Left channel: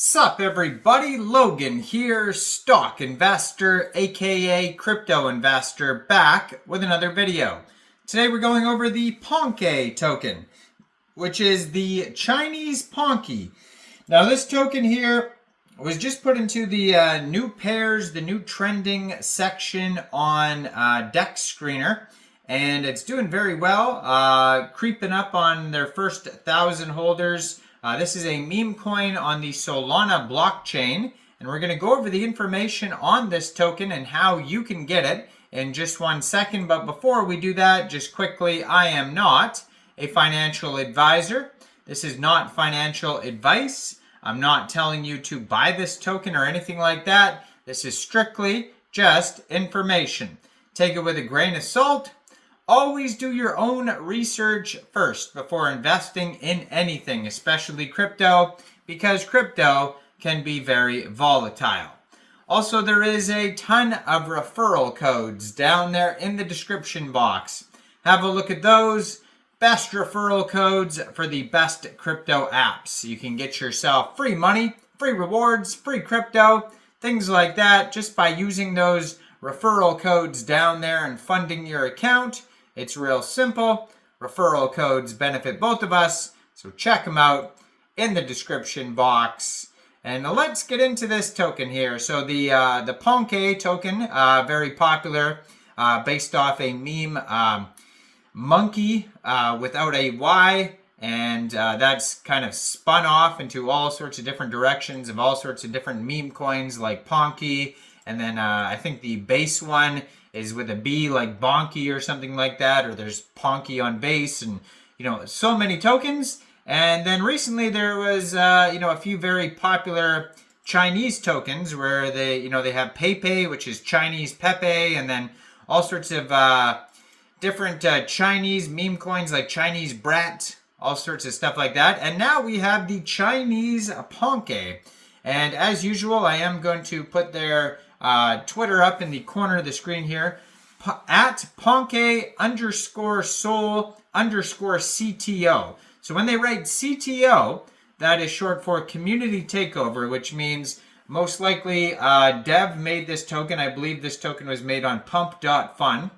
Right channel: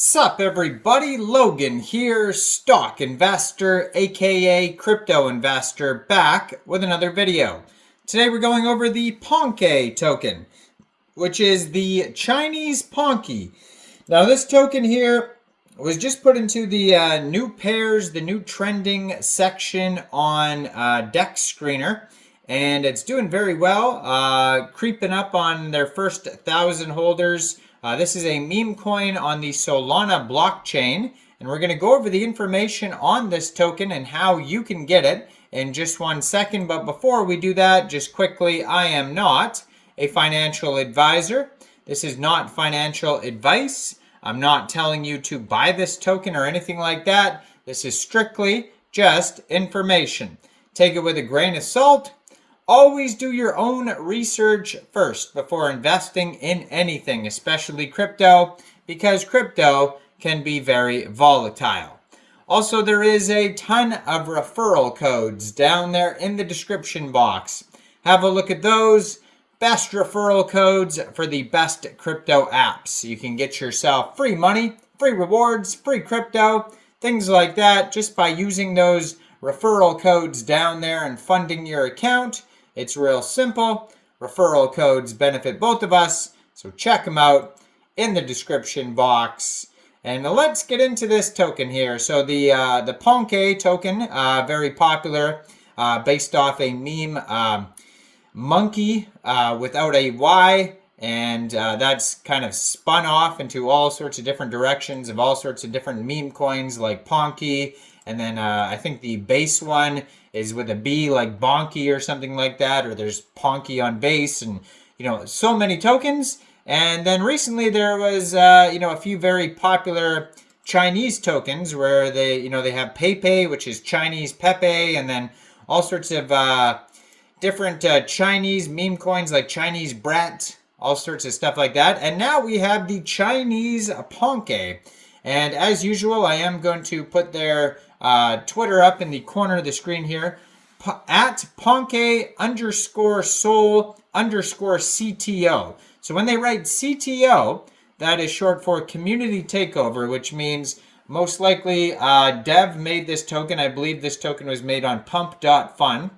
Sup everybody, Logan here, stock investor aka crypto investor, back with another video. Today we're going over the Ponkei token, which is the Chinese Ponke. Now this token here was just put into the new pairs, the new trending section on Dex Screener, and it's doing very well, creeping up on their first 1,000 holders. This is a meme coin on the Solana blockchain, and we're going to go over the information on this token and how you can get it in just 1 second. But before we do that, just quickly, I am not a financial advisor. This is not financial advice. I'm not telling you to buy this token or anything like that. This is strictly just information. Take it with a grain of salt. Always do your own research first before investing in anything, especially crypto, because crypto can be very volatile. Also, there is a ton of referral codes down there in the description box. Have a look at those. Best referral codes for the best crypto apps. You can get yourself free money, free rewards, free crypto, things like that, just by using those referral codes down there and funding your account. It's real simple. Referral codes benefit both of us, so check them out in the description box. And let's get into this token here. So the Ponkei token, very popular, based off a meme, monkey without a Y, and that's kind of spun off into all sorts of different directions of all sorts of different meme coins like Ponke, and then I think the base one is with a B, like Bonky or something like that, or there's Ponke on base, and so many tokens. And then recently there was a few very popular Chinese tokens where they have Pepe, which is Chinese Pepe, and then all sorts of different Chinese meme coins like Chinese Brat, all sorts of stuff like that. And now we have the Chinese Ponke. And as usual, I am going to put their Twitter up in the corner of the screen here, at Ponke_Sol_CTO. So when they write CTO, that is short for community takeover, which means most likely Dev made this token. I believe this token was made on pump.fun,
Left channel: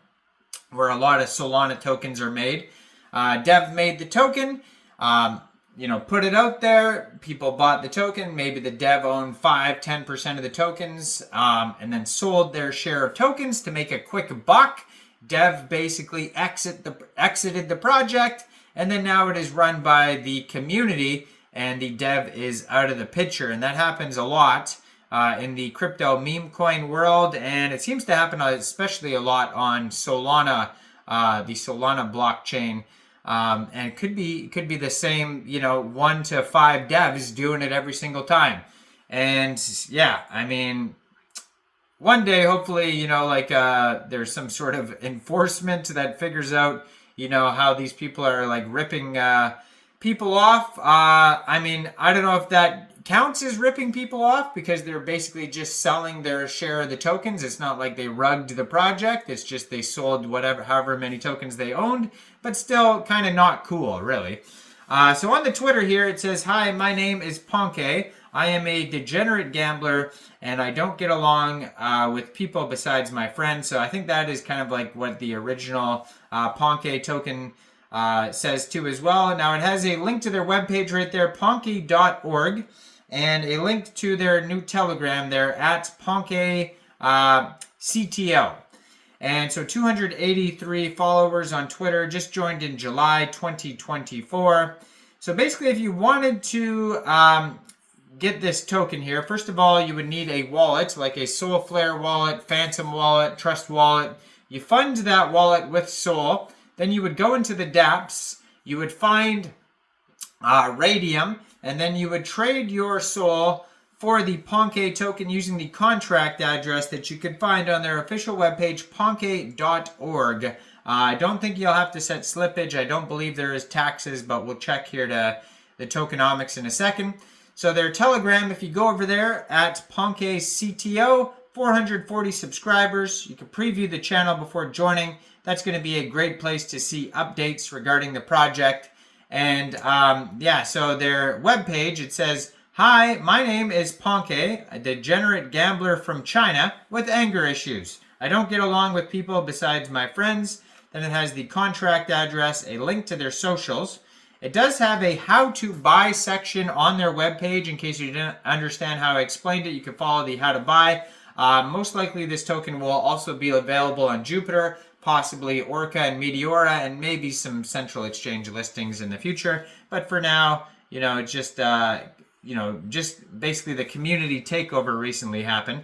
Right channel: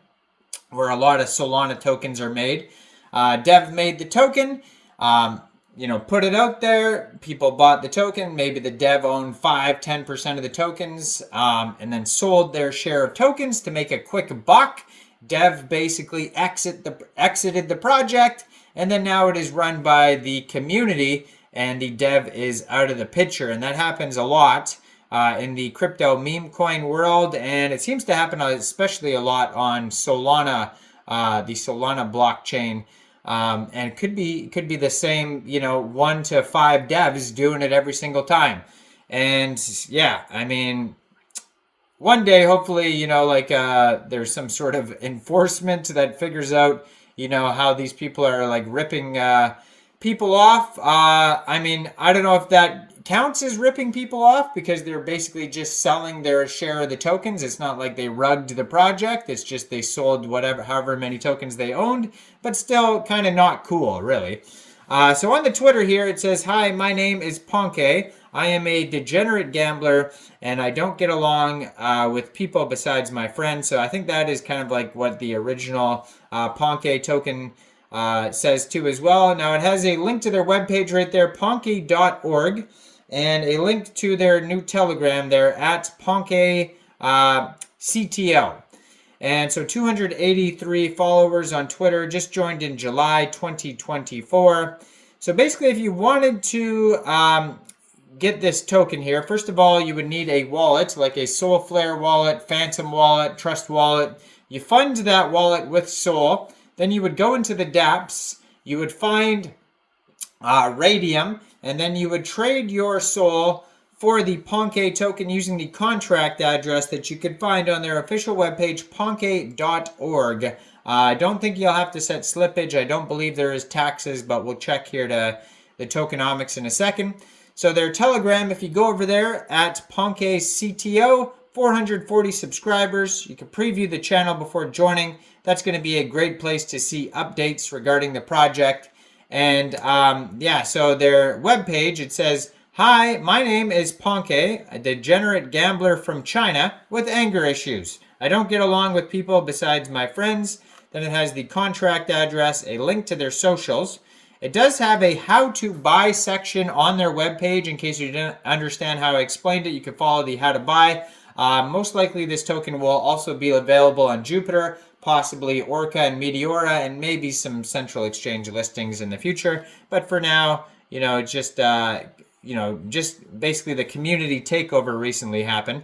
where a lot of Solana tokens are made. Dev made the token, put it out there. People bought the token. Maybe the dev owned 5-10% of the tokens, and then sold their share of tokens to make a quick buck. Dev basically exited the project, and then now it is run by the community, and the dev is out of the picture. And that happens a lot in the crypto meme coin world, and it seems to happen especially a lot on Solana, the Solana blockchain. And it could be the same, 1 to 5 devs doing it every single time. And yeah, I mean, one day, hopefully, there's some sort of enforcement that figures out, how these people are like ripping people off. I mean, I don't know if that counts as ripping people off, because they're basically just selling their share of the tokens. It's not like they rugged the project. It's just they sold however many tokens they owned, but still kind of not cool, really. So on the Twitter here, it says, "Hi, my name is Ponke. I am a degenerate gambler, and I don't get along with people besides my friends." So I think that is kind of like what the original Ponke token says too as well. Now it has a link to their webpage right there, ponke.org, and a link to their new Telegram there at Ponke CTO. And so 283 followers on Twitter, just joined in July 2024. So basically, if you wanted to get this token here, first of all, you would need a wallet, like a Solflare wallet, Phantom wallet, Trust wallet. You fund that wallet with Sol. Then you would go into the dApps. You would find Raydium, and then you would trade your Sol for the Ponke token using the contract address that you could find on their official webpage, ponke.org. I don't think you'll have to set slippage. I don't believe there is taxes, but we'll check here to the Tokenomics in a second. So their Telegram, if you go over there at Ponke CTO, 440 subscribers. You can preview the channel before joining. That's going to be a great place to see updates regarding the project. And yeah, so their webpage, it says, Hi, my name is Ponke, a degenerate gambler from China with anger issues. I don't get along with people besides my friends. Then it has the contract address, a link to their socials. It does have a how to buy section on their webpage. In case you didn't understand how I explained it, you can follow the how to buy. Most likely this token will also be available on Jupiter, possibly Orca and Meteora, and maybe some central exchange listings in the future. But for now, it's just just basically the community takeover recently happened.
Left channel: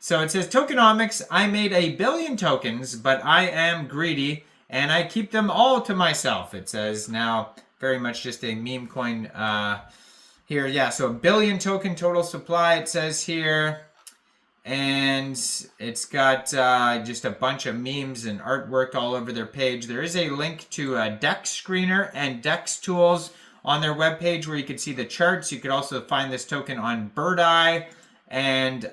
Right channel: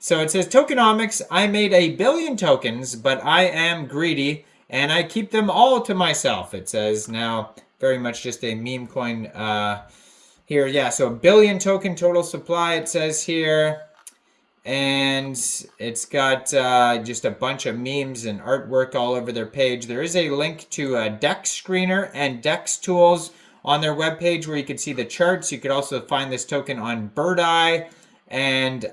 So it says, Tokenomics, I made 1 billion tokens, but I am greedy and I keep them all to myself. It says now, very much just a meme coin here. Yeah, so 1 billion token total supply, it says here. And it's got just a bunch of memes and artwork all over their page. There is a link to a DEX screener and DEX tools on their webpage where you can see the charts. You could also find this token on Bird Eye and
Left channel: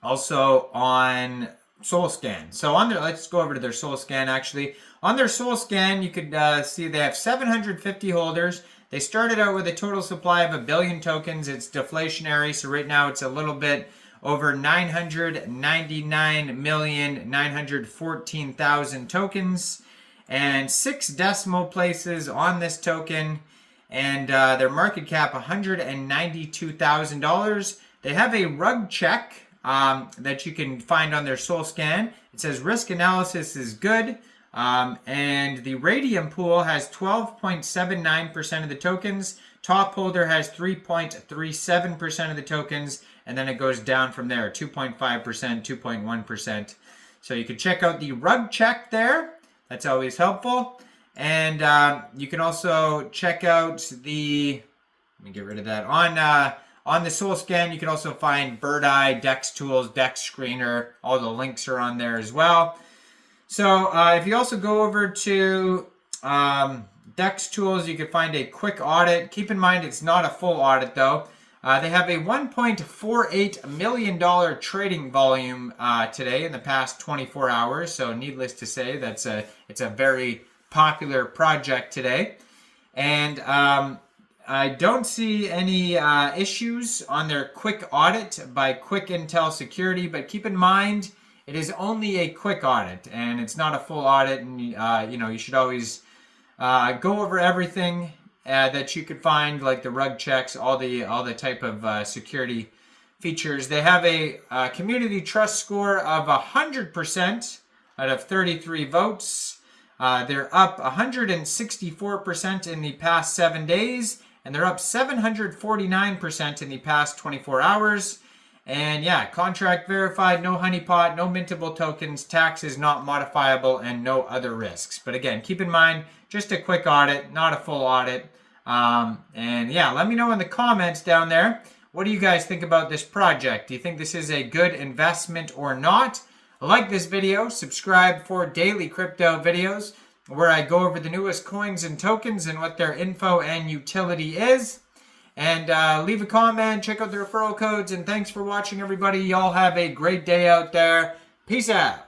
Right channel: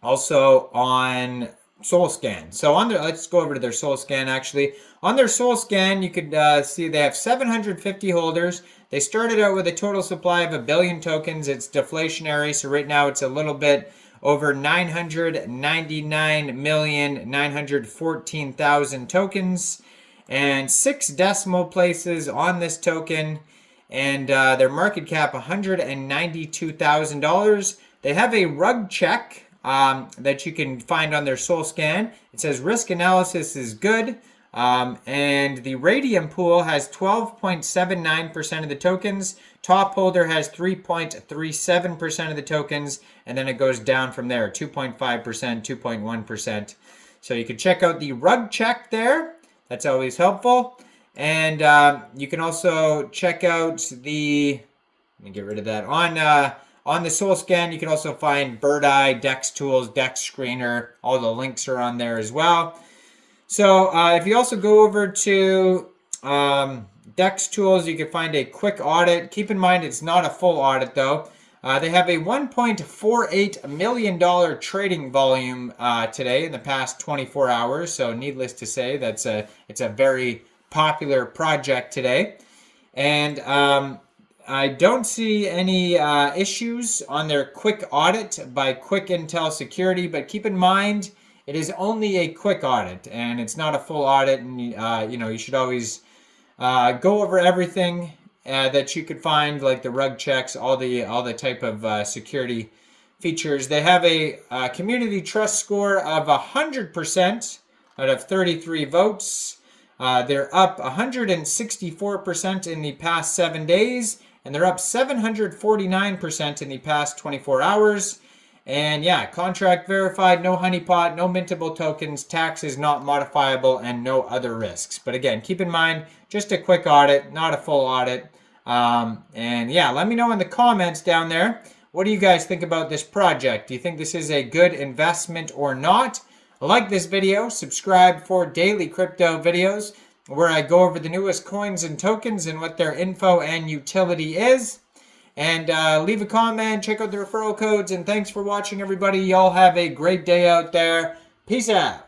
also on SoulScan. So let's go over to their SoulScan actually. On their SoulScan, you could see they have 750 holders. They started out with a total supply of 1 billion tokens. It's deflationary, so right now it's a little bit over 999,914,000 tokens. And 6 decimal places on this token, and their market cap $192,000. They have a rug check that you can find on their SoulScan. It says risk analysis is good, and the Raydium pool has 12.79% of the tokens. Top holder has 3.37% of the tokens, and then it goes down from there, 2.5%, 2.1%. So you can check out the rug check there. That's always helpful. And you can also check out the, let me get rid of that. On the SoulScan, you can also find Bird Eye, DEX Tools, DEX Screener. All the links are on there as well. So if you also go over to DEX Tools, you can find a quick audit. Keep in mind, it's not a full audit though. They have a $1.48 million trading volume today in the past 24 hours. So needless to say, it's a very popular project today. And I don't see any issues on their quick audit by Quick Intel Security. But keep in mind, it is only a quick audit and it's not a full audit. And you should always go over everything that you could find, like the rug checks, all the type of security features. They have a community trust score of 100% out of 33 votes. They're up 164% in the past 7 days, and they're up 749% in the past 24 hours. And yeah, contract verified, no honeypot, no mintable tokens, tax is not modifiable, and no other risks. But again, keep in mind, just a quick audit, not a full audit. And yeah, let me know in the comments down there, what do you guys think about this project? Do you think this is a good investment or not? Like this video, subscribe for daily crypto videos where I go over the newest coins and tokens and what their info and utility is. And leave a comment, check out the referral codes, and thanks for watching everybody. Y'all have a great day out there. Peace out.